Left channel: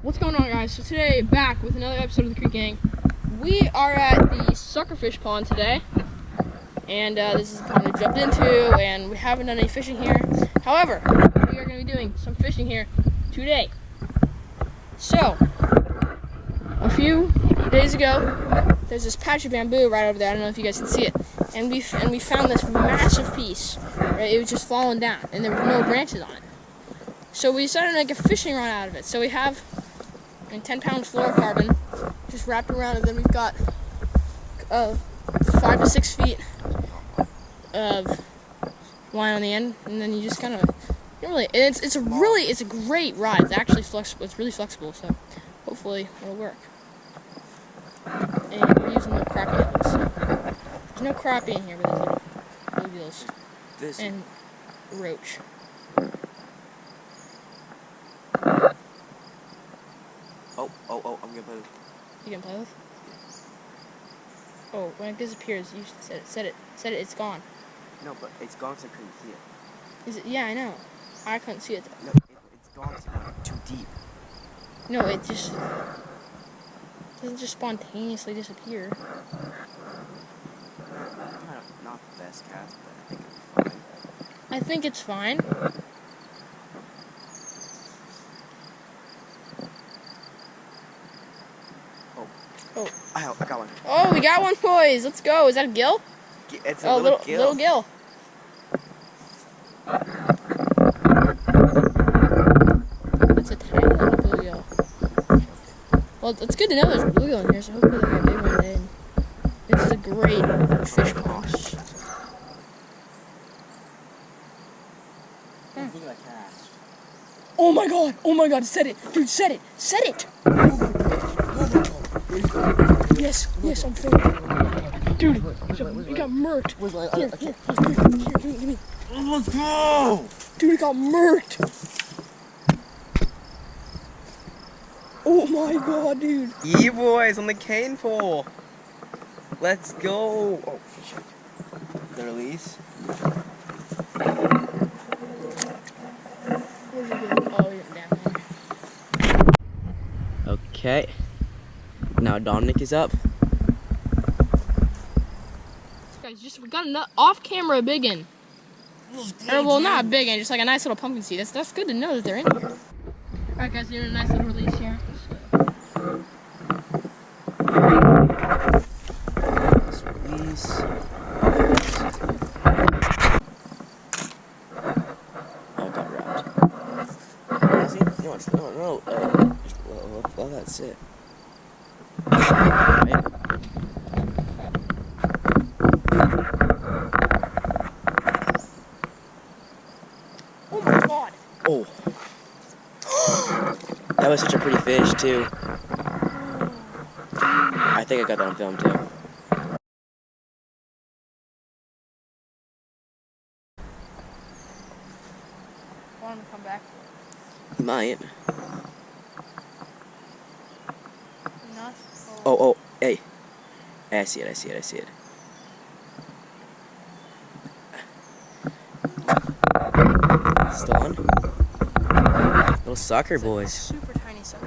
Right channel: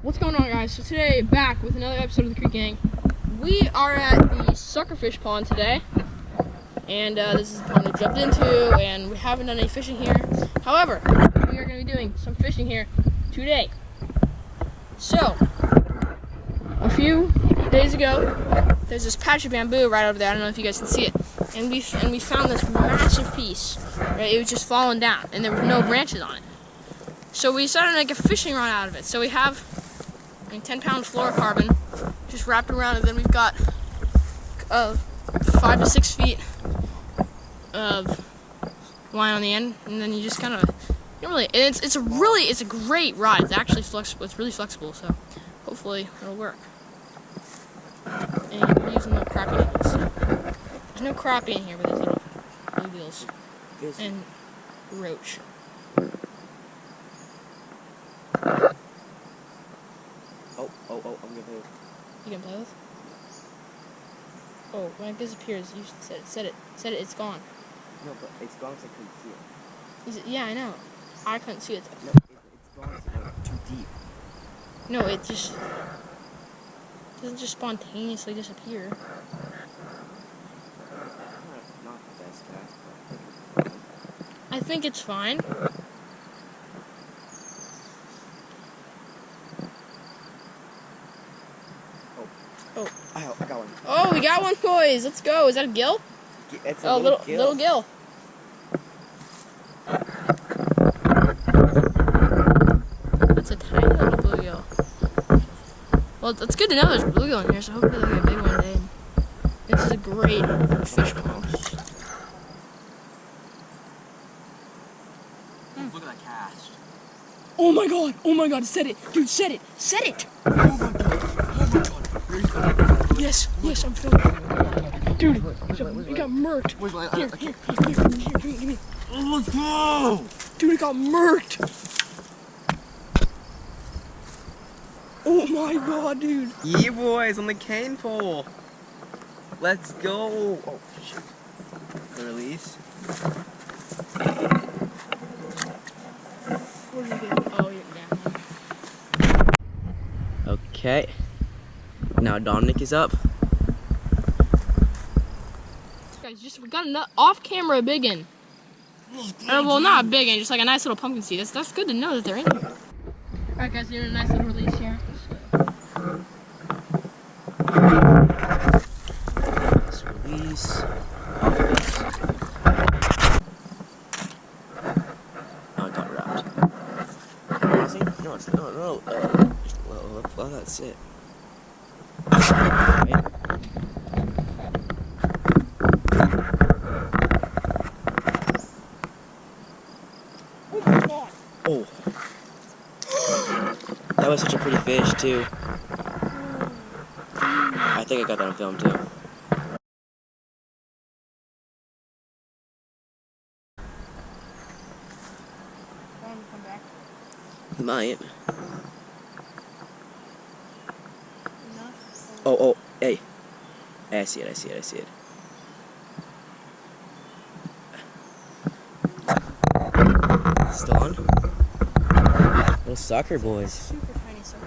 What's going on, guys? So today, back with another episode of the Creek Gang. We are at the suckerfish pond today, and this is the pond we jumped into, and we haven't done any fishing here. However, we are going to be doing some fishing here today. So, a few days ago, there's this patch of bamboo right over there. I don't know if you guys can see it, and we found this massive piece. Right, it was just falling down, and there was no branches on it. So we decided to make a fishing rod out of it. So we have 10-pound fluorocarbon just wrapped around it. Then we've got 5 to 6 feet of line on the end, and then you just kind of it's a great rod. It's actually flexible. It's really flexible. So hopefully it'll work. And we're using little crappie nibbles. So there's no crappie in here, but there's little bluegills and roach. Oh, I'm gonna play with. You can play with? Yeah. Oh, when it disappears, you should set it, it's gone. No, but it's gone because I couldn't see it. Is it? Yeah, I know. I couldn't see it though. No, it's gone because it went too deep. No, it just doesn't just spontaneously disappear. Not the best cast, but I think it's fine. I think it's fine. Oh, I got one. Oh, we got one, boys. Let's go. Is that a gill? It's a little gill. That's a tiny little bluegill. Well, it's good to know there's a bluegill in here, so hopefully they'll get big one day. And this is a great fish pond. Look at that cast. Oh my god, set it. Dude, set it. Oh my god. Yes, I'm filming. Dude, we got murked. Here, give me. Let's go! Dude, it got murked. Oh my god, dude. Yeah, boys, on the cane pole. Let's go. Oh, shit. The release. Where did he go? Oh, he went down there. Okay. Now Dominic is up. Guys, we got an off-camera big one. Or, well, not a big one, just like a nice little pumpkin seed. That's good to know that they're in here. Alright, guys, doing a nice little release here. Let's release. Off it goes. Oh, it got wrapped. Honestly, no, just let that sit. Right? Oh my god. Oh. That was such a pretty fish, too. I think I got that on film, too. Want him to come back to it? He might. Enough? Oh, hey. I see it. Still on? Little sucker boys. Super tiny sucker.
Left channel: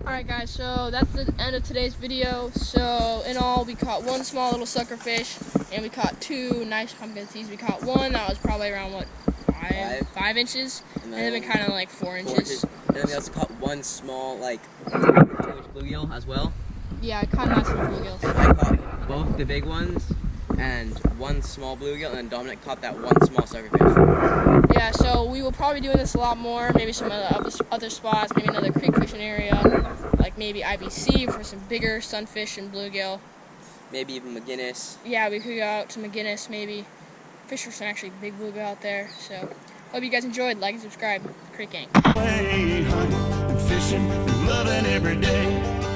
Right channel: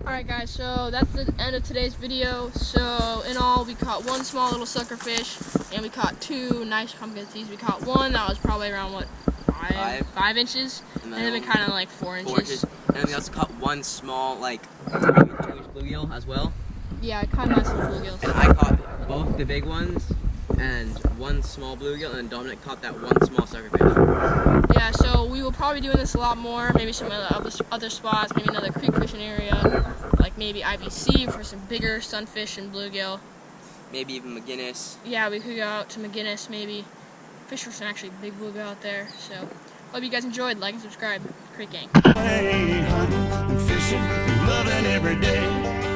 Alright guys, so that's the end of today's video. So in all, we caught one small little sucker fish, and we caught 2 nice pumpkin seeds. We caught one that was probably around, what, 5 inches? And then we kind of like 4 inches. And then we also caught one small, like, 2-inch bluegill as well. Yeah, I caught nice little bluegills. And I caught both the big ones and one small bluegill, and then Dominic caught that one small suckerfish. Yeah, so we will probably be doing this a lot more. Maybe some other spots, maybe another creek fishing area, like maybe IBC for some bigger sunfish and bluegill. Maybe even McGinnis. Yeah, we could go out to McGinnis maybe. Fish for some actually big bluegill out there. So hope you guys enjoyed. Like and subscribe. Creek Gang. Hunting and fishing and loving every day.